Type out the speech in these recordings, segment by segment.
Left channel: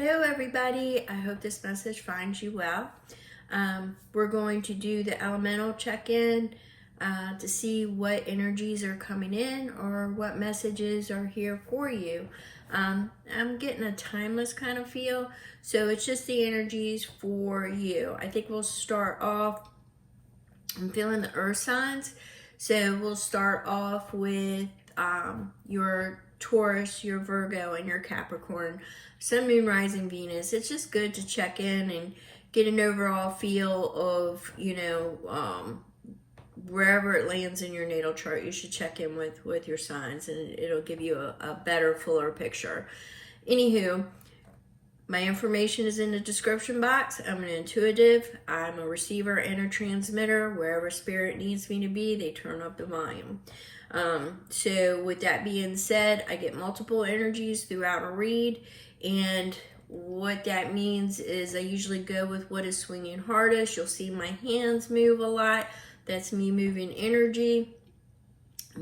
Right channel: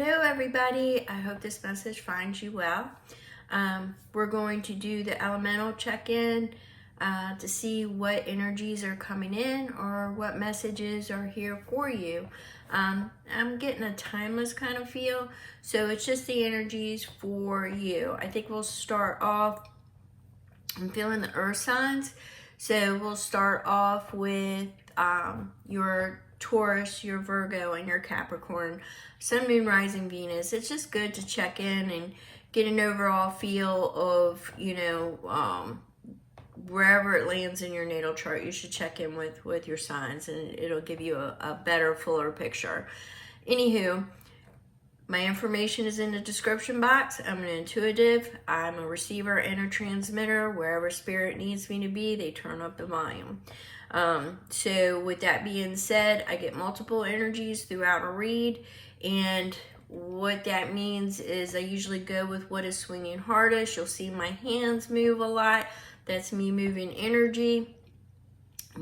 Hello everybody, I hope this message finds you well. We're going to do the elemental check-in to see what energies are coming in or what messages are here for you. I'm getting a timeless kind of feel, so it's just the energies for you. I think we'll start off, I'm feeling the earth signs, so we'll start off with your Taurus, your Virgo, and your Capricorn, Sun, Moon, Rising, Venus. It's just good to check in and get an overall feel of, wherever it lands in your natal chart. You should check in with your signs, and it'll give you a better, fuller picture. Anywho, my information is in the description box. I'm an intuitive. I'm a receiver and a transmitter. Wherever spirit needs me to be, they turn up the volume. So with that being said, I get multiple energies throughout a read, and what that means is I usually go with what is swinging hardest. You'll see my hands move a lot. That's me moving energy.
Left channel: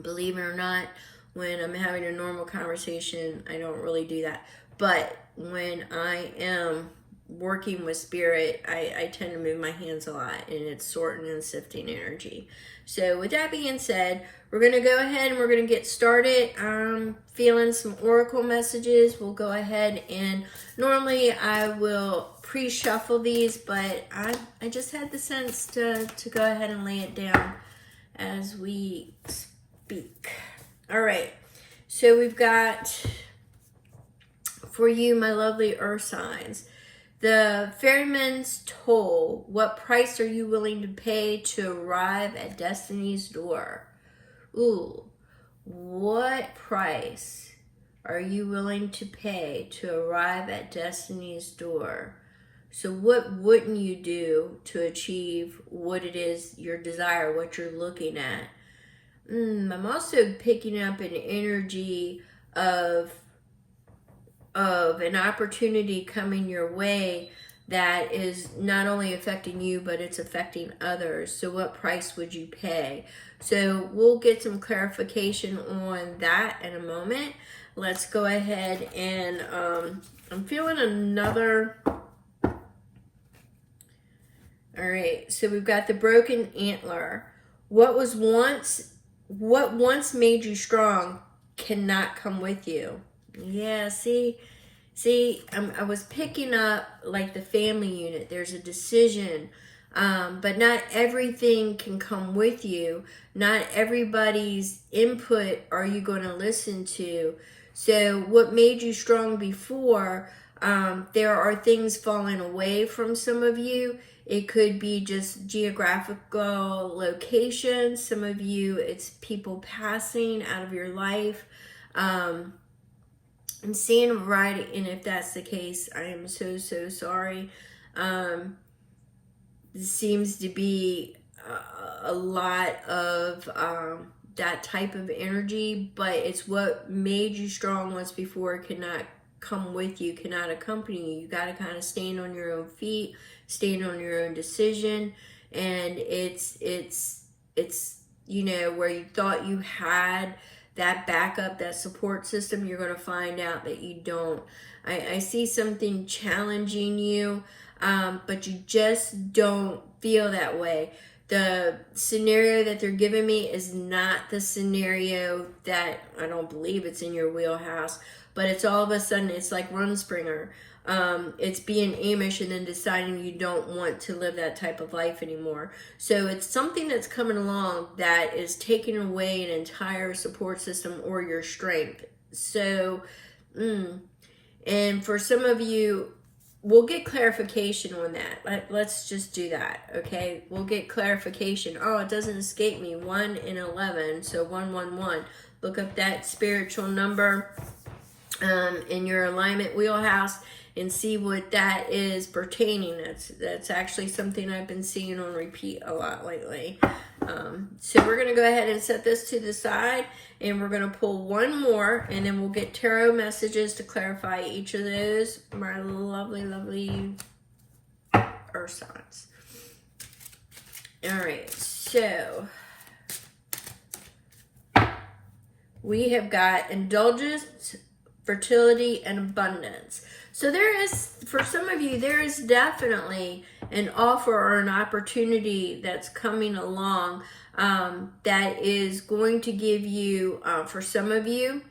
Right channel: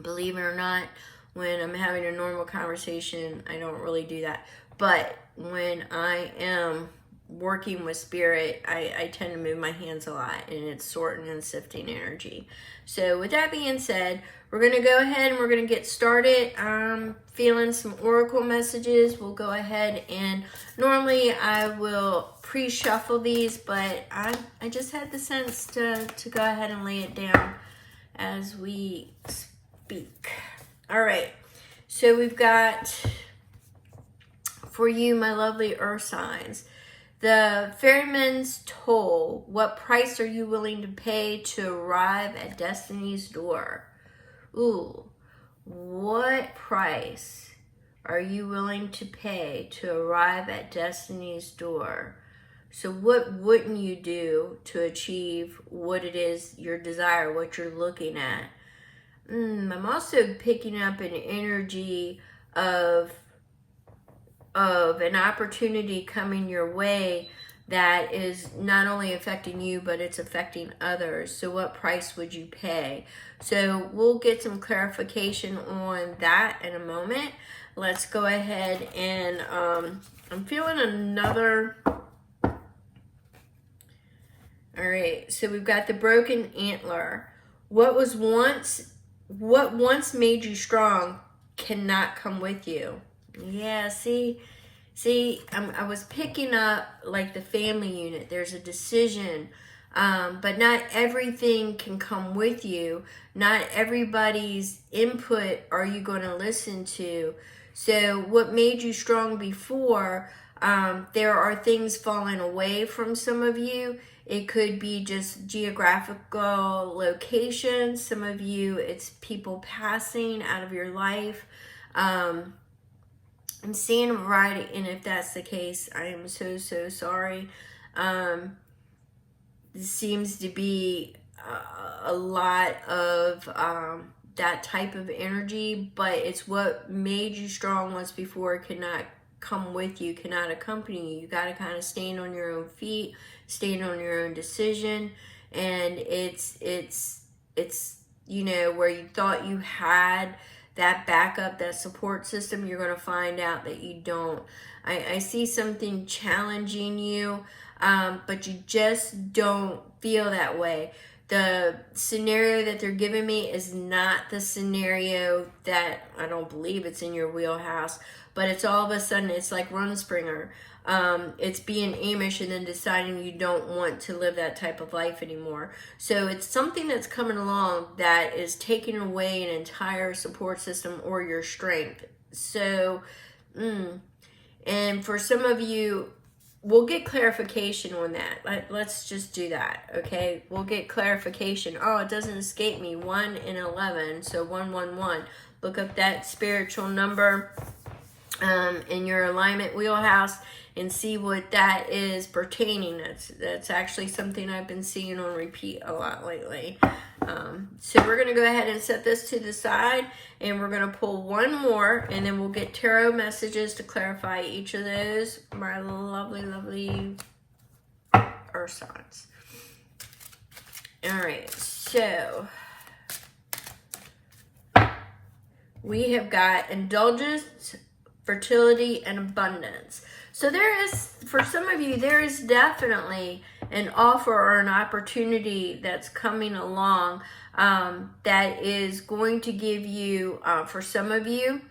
Believe it or not, when I'm having a normal conversation, I don't really do that. But when I am working with spirit, I tend to move my hands a lot, and it's sorting and sifting energy. So with that being said, we're going to go ahead and we're going to get started. I'm feeling some oracle messages. We'll go ahead and normally I will pre-shuffle these, but I just had the sense to go ahead and lay it down as we speak. All right, so we've got for you, my lovely earth signs, the ferryman's toll. What price are you willing to pay to arrive at destiny's door? Ooh, what price are you willing to pay to arrive at destiny's door? So what wouldn't you do to achieve what it is your desire, what you're looking at? I'm also picking up an energy of an opportunity coming your way that is not only affecting you, but it's affecting others. So what price would you pay? So we'll get some clarification on that in a moment. Let's go ahead and I'm feeling another. All right, so we've got the broken antler. What once made you strong cannot come with you. Yeah, see, I was picking up like the family unit. There's a decision, but not everything can come with you. Not everybody's input are you going to listen to. So what made you strong before, there are things falling away from some of you. It could be just geographical location. Some of you, it's people passing out of your life. I'm seeing a variety, and if that's the case, I am so sorry. This seems to be a lot of that type of energy, but it's what made you strong once before. It cannot come with you, cannot accompany you. You got to kind of stand on your own feet, stand on your own decision, and it's where you thought you had that backup, that support system, you're going to find out that you don't. I see something challenging you, but you just don't feel that way. The scenario that they're giving me is not the scenario that, I don't believe it's in your wheelhouse, but it's all of a sudden, it's like Rumspringer. It's being Amish and then deciding you don't want to live that type of life anymore. So it's something that's coming along that is taking away an entire support system or your strength. So, and for some of you, we'll get clarification on that. Let's just do that, okay? We'll get clarification. Oh, it doesn't escape me. 1 and 11, so 111. Look up that spiritual number in your alignment wheelhouse and see what that is pertaining. That's actually something I've been seeing on repeat a lot lately. So we're going to go ahead and set this to the side, and we're going to pull one more, and then we'll get tarot messages to clarify each of those. My lovely earth signs. All right, so we have got indulgence fertility, and abundance. So there is, for some of you, there is definitely an offer or an opportunity that's coming along that is going to give you, for some of you,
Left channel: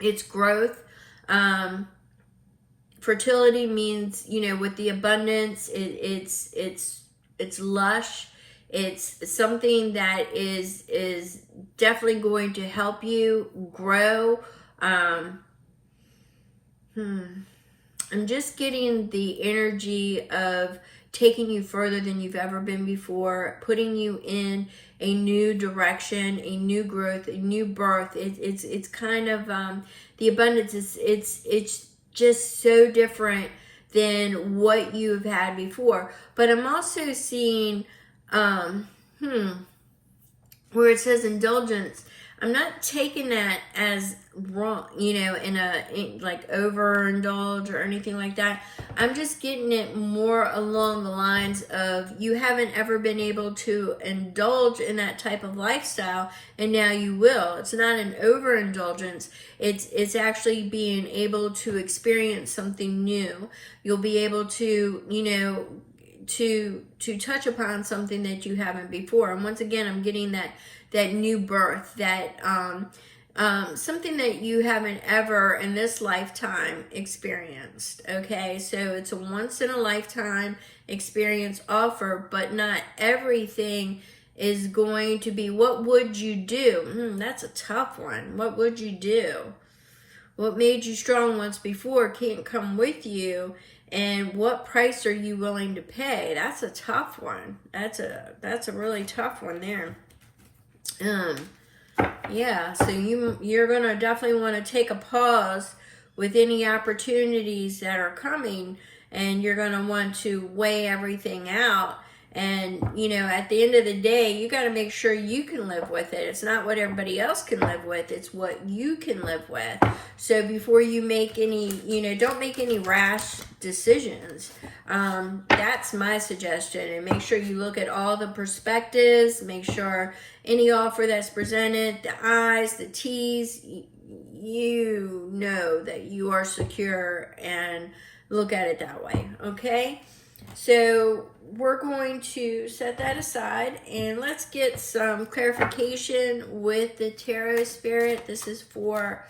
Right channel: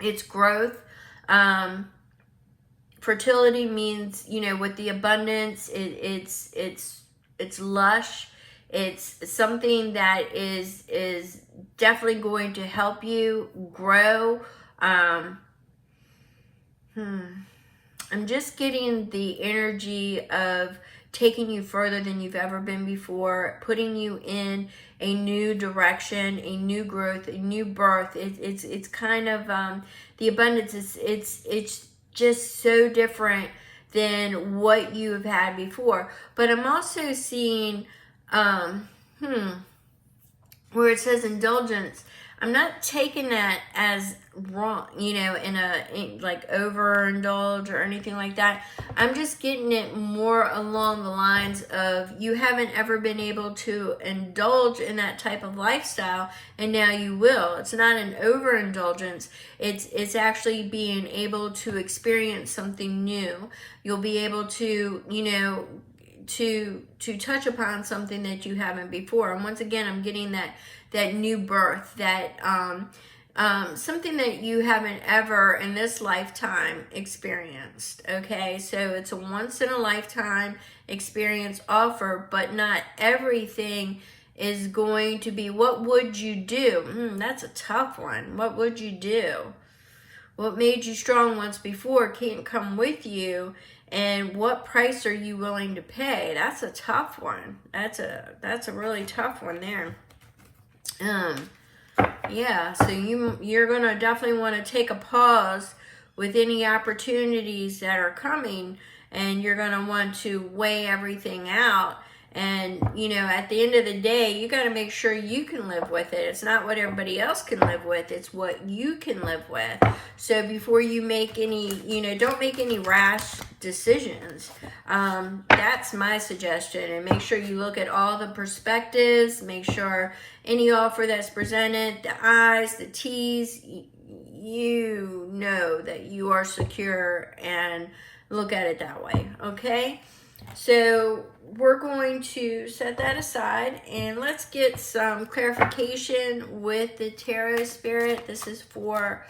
it's growth. Fertility means, you know, with the abundance, it's lush. It's something that is definitely going to help you grow. I'm just getting the energy of taking you further than you've ever been before, putting you in a new direction, a new growth, a new birth. It's kind of the abundance it's just so different than what you have had before. But I'm also seeing where it says indulgence. I'm not taking that as wrong, you know, in like overindulge or anything like that. I'm just getting it more along the lines of you haven't ever been able to indulge in that type of lifestyle, and now you will. It's not an overindulgence. It's actually being able to experience something new. You'll be able to, you know, to touch upon something that you haven't before. And once again, I'm getting that new birth, that something that you haven't ever in this lifetime experienced. Okay, so it's a once in a lifetime experience offer, but not everything is going to be. What would you do? That's a tough one. What would you do? What made you strong once before can't come with you, and what price are you willing to pay? That's a tough one. That's a really tough one there. Yeah, so you're gonna definitely want to take a pause with any opportunities that are coming, and you're gonna want to weigh everything out. And, you know, at the end of the day, you got to make sure you can live with it. It's not what everybody else can live with. It's what you can live with. So before you make any, you know, don't make any rash decisions. That's my suggestion. And make sure you look at all the perspectives. Make sure any offer that's presented, the I's, the T's, you know that you are secure, and look at it that way. Okay? So we're going to set that aside, and let's get some clarification with the Tarot Spirit. This is for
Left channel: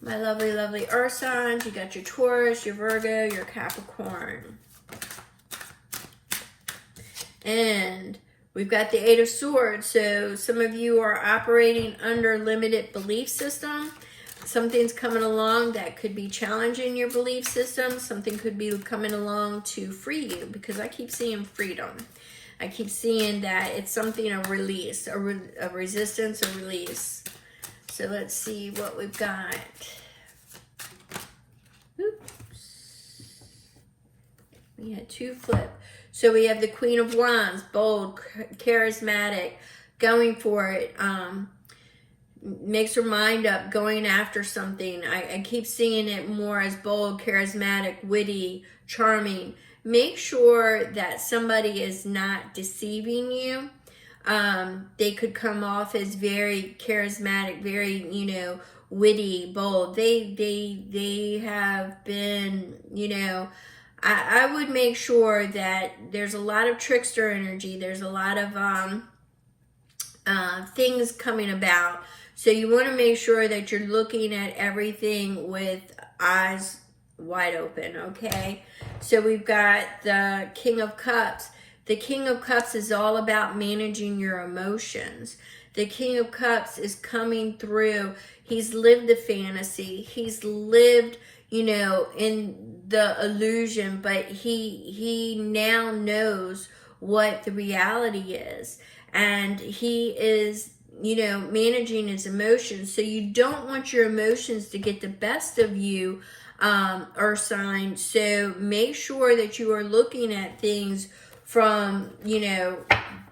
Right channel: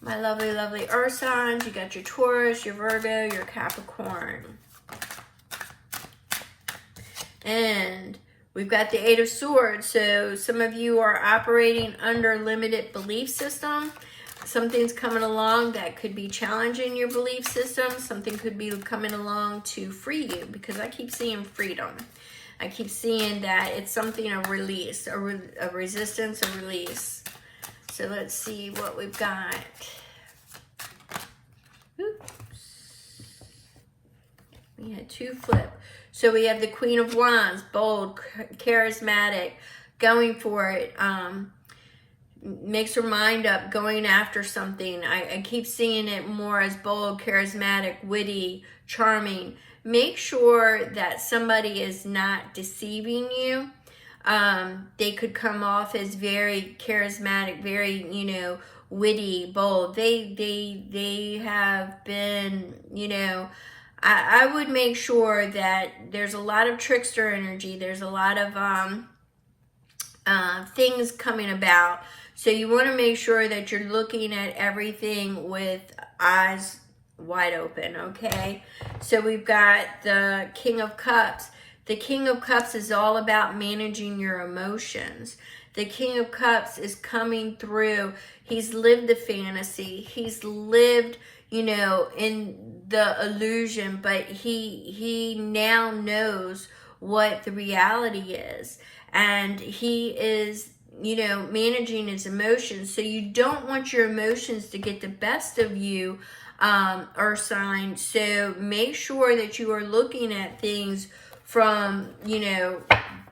my lovely, lovely Earth signs. You got your Taurus, your Virgo, your Capricorn. And we've got the Eight of Swords. So some of you are operating under limited belief system. Something's coming along that could be challenging your belief system. Something could be coming along to free you, because I keep seeing freedom. I keep seeing that it's something, a release, a resistance, a release. So let's see what we've got. Oops. We had two flip. So we have the Queen of Wands, bold, charismatic, going for it. Makes her mind up, going after something. I keep seeing it more as bold, charismatic, witty, charming. Make sure that somebody is not deceiving you. They could come off as very charismatic, very, you know, witty, bold. They have been, you know, I would make sure that there's a lot of trickster energy. There's a lot of things coming about. So you want to make sure that you're looking at everything with eyes wide open, okay? So we've got the King of Cups. The King of Cups is all about managing your emotions. The King of Cups is coming through. He's lived the fantasy. He's lived, you know, in the illusion, but he now knows what the reality is. And he is, you know, managing his emotions. So you don't want your emotions to get the best of you, Earth sign. So make sure that you are looking at things from, you know,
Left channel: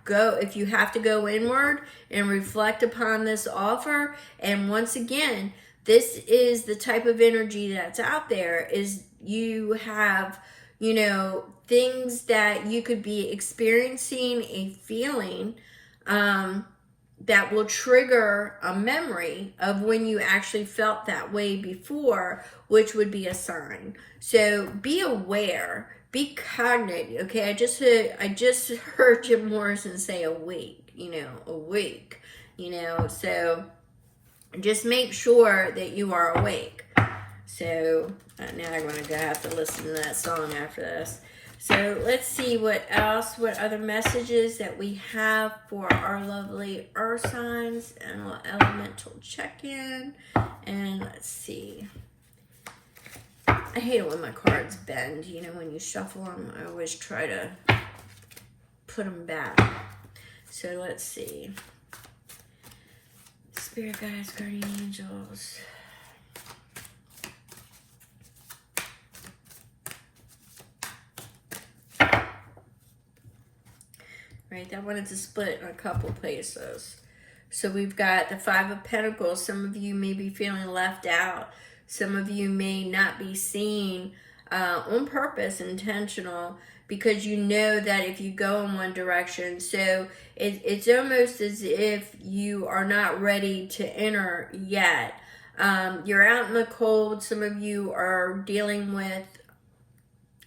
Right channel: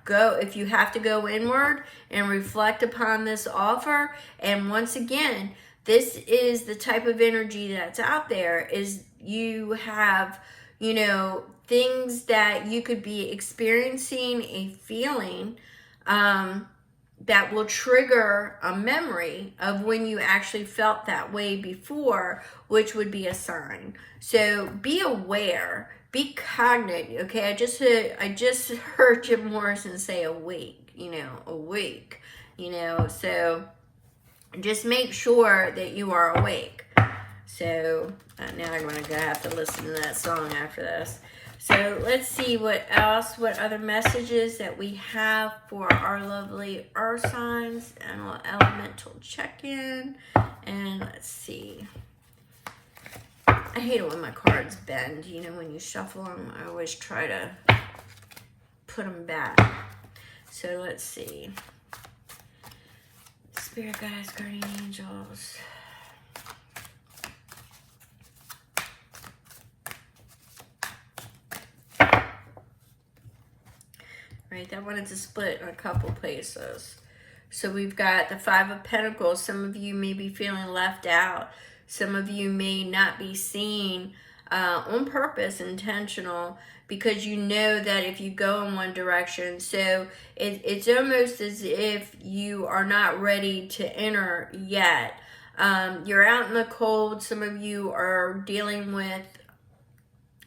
if you have to go inward and reflect upon this offer. And once again, this is the type of energy that's out there, is you have, you know, things that you could be experiencing, a feeling, that will trigger a memory of when you actually felt that way before, which would be a sign. So be aware, be cognate. Okay, I just heard Jim Morrison say awake, awake, so just make sure that you are awake. So now I'm going to have to listen to that song after this. So let's see what other messages that we have for our lovely earth signs, and a little elemental check-in. And let's see. I hate it when my cards bend. When you shuffle them, I always try to put them back. So let's see. Spirit guides, guardian angels. Right, that wanted to split in a couple places. So we've got the Five of Pentacles. Some of you may be feeling left out. Some of you may not be seen on purpose, intentional, because you know that if you go in one direction, so it's almost as if you are not ready to enter yet. You're out in the cold. Some of you are dealing with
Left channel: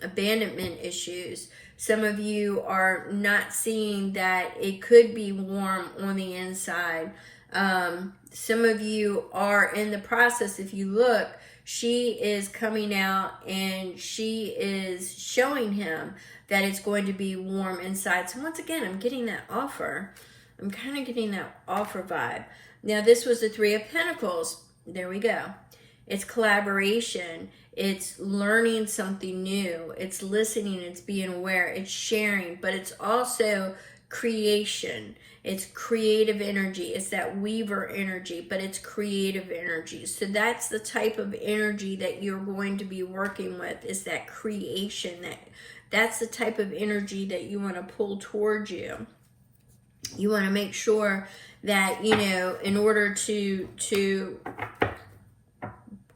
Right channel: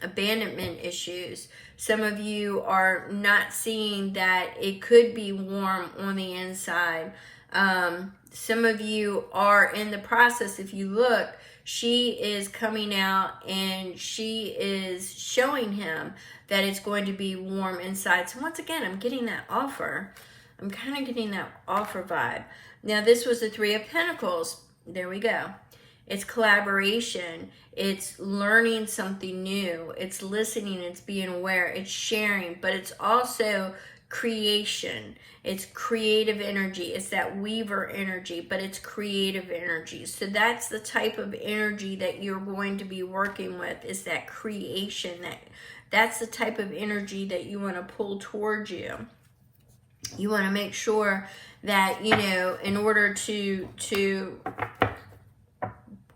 abandonment issues. Some of you are not seeing that it could be warm on the inside. Some of you are in the process. If you look, she is coming out and she is showing him that it's going to be warm inside. So once again, I'm getting that offer. I'm kind of getting that offer vibe. Now, this was the Three of Pentacles. There we go. It's collaboration. It's learning something new. It's listening. It's being aware. It's sharing. But it's also creation. It's creative energy. It's that weaver energy, but it's creative energy. So that's the type of energy that you're going to be working with, is that creation. That's the type of energy that you want to pull towards you. You want to make sure that, in order to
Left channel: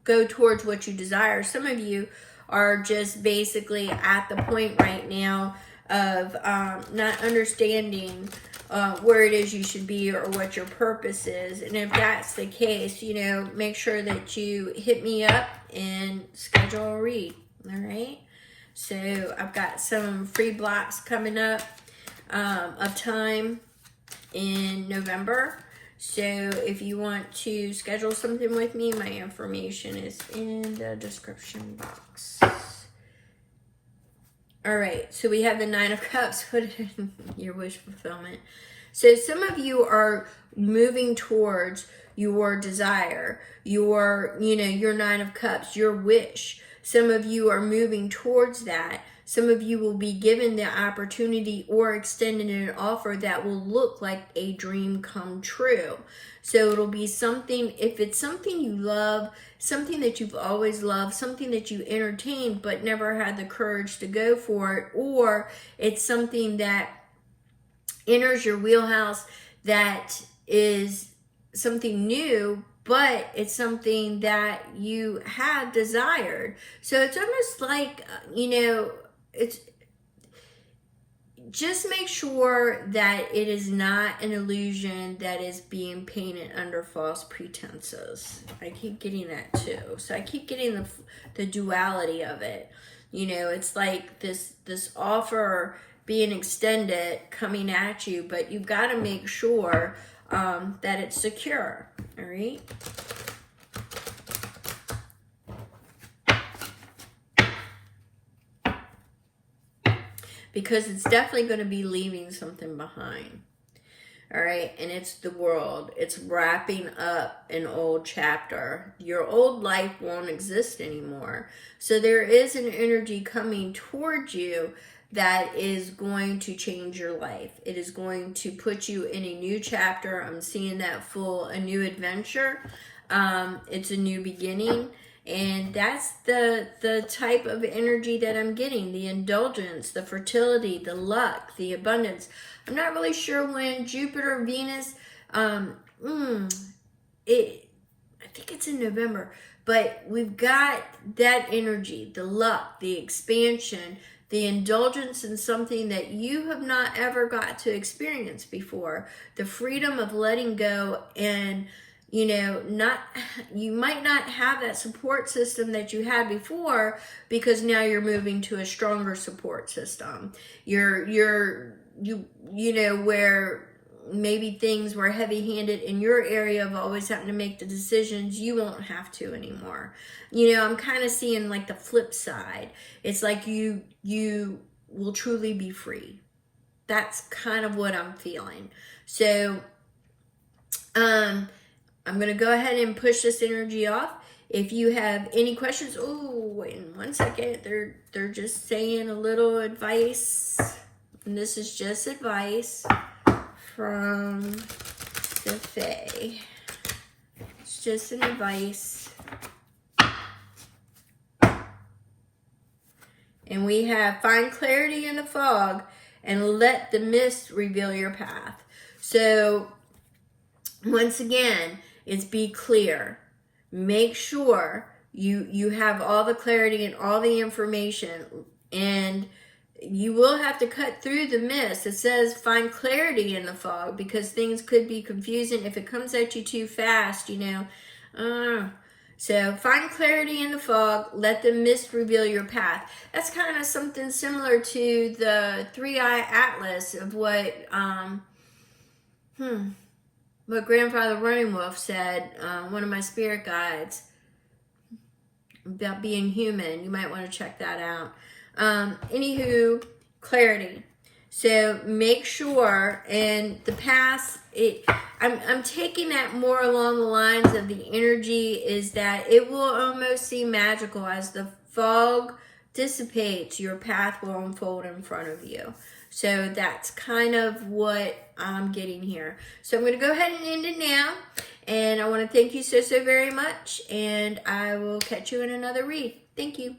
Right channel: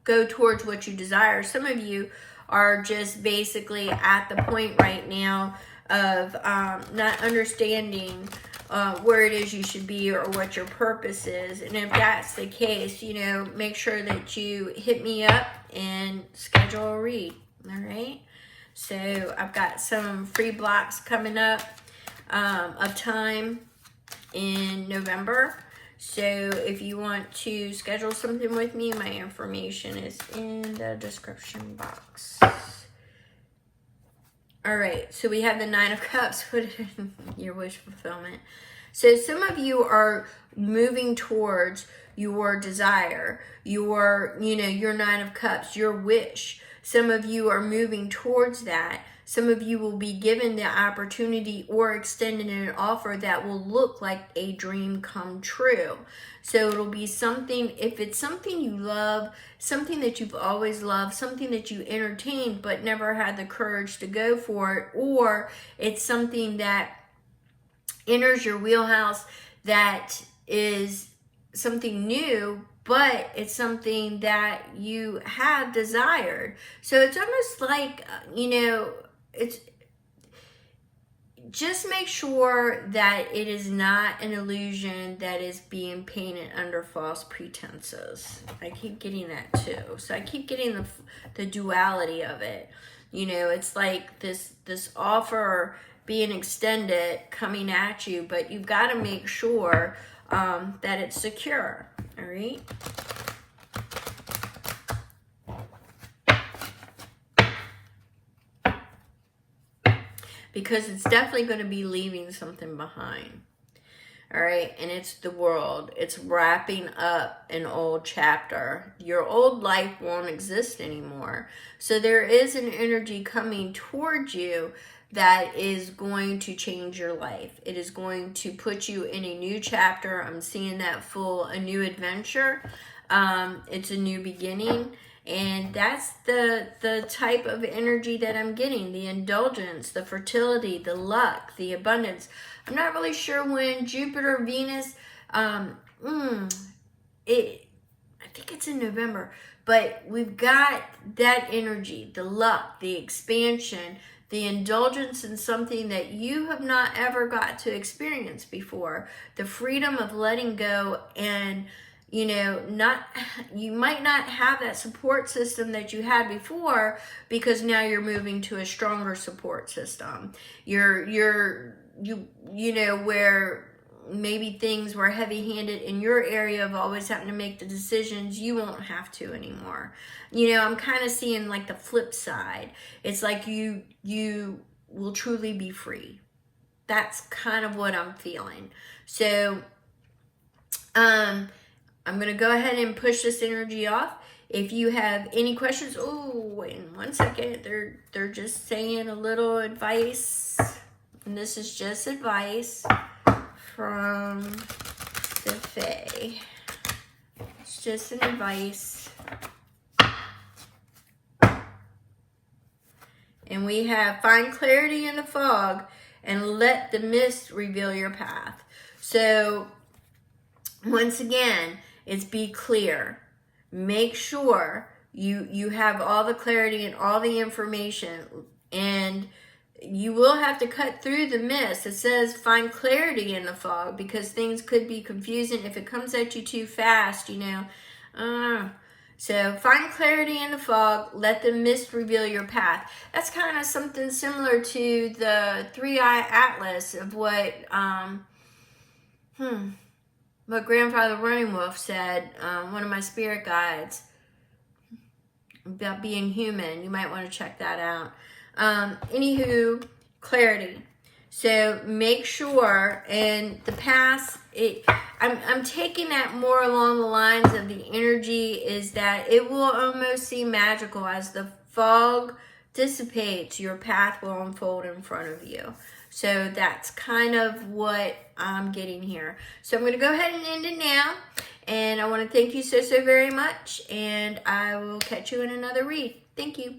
go towards what you desire. Some of you are just basically at the point right now of not understanding where it is you should be or what your purpose is. And if that's the case, make sure that you hit me up and schedule a read. All right. So I've got some free blocks coming up of time in November. So if you want to schedule something with me, my information is in the description box. All right, so we have the Nine of Cups. Put it in your wish fulfillment. So some of you are moving towards your desire, your Nine of Cups, your wish. Some of you are moving towards that. Some of you will be given the opportunity or extended an offer that will look like a dream come true. So it'll be something, if it's something you love, something that you've always loved, something that you entertained but never had the courage to go for it, or it's something that enters your wheelhouse that is something new, but it's something that you have desired. So it's almost like, it's just make sure that it is not an illusion that is being painted under false pretenses. I keep getting that too. So I keep getting the duality of it. It's like this offer being extended coming at you, but you've got to make sure that it's secure. All right. Because it's definitely going to be leaving something behind. All right. And it's the world. It's wrapping up an old chapter. Your old life won't exist anymore. So there is an energy coming towards you that is going to change your life. It is going to put you in a new chapter. I'm seeing that a new adventure. It's a new beginning. And that's the type of energy that I'm getting. The indulgence, the fertility, the luck, the abundance. I'm not really sure when Jupiter, Venus, I think it's in November. But we've got that energy, the luck, the expansion, the indulgence in something that you have not ever got to experience before, the freedom of letting go, and you know, you might not have that support system that you had before, because now you're moving to a stronger support system. You know, where maybe things were heavy-handed in your area of always having to make the decisions, you won't have to anymore. You know, I'm kind of seeing like the flip side. It's like you will truly be free. That's kind of what I'm feeling. So, I'm going to go ahead and push this energy off. If you have any questions, oh, wait 1 second. They're just saying a little advice. And this is just advice from the Fae. It's just an advice. And we have find clarity in the fog and let the mist reveal your path. So, once again, it's be clear. Make sure you have all the clarity and all the information, and you will have to cut through the mist. It says find clarity in the fog, because things could be confusing if it comes at you too fast, you know. So find clarity in the fog, let the mist reveal your path. That's kind of something similar to the 3-eye atlas of what Grandfather Running Wolf said, one of my spirit guides, about being human. You might want to check that out. Anywho, clarity. So make sure, and the past, I'm taking that more along the lines of the energy is that it will almost seem magical as the fog dissipates, your path will unfold in front of you. So that's kind of what I'm getting here. So I'm going to go ahead and end it now. And I want to thank you so very much. And I will catch you in another read. Thank you.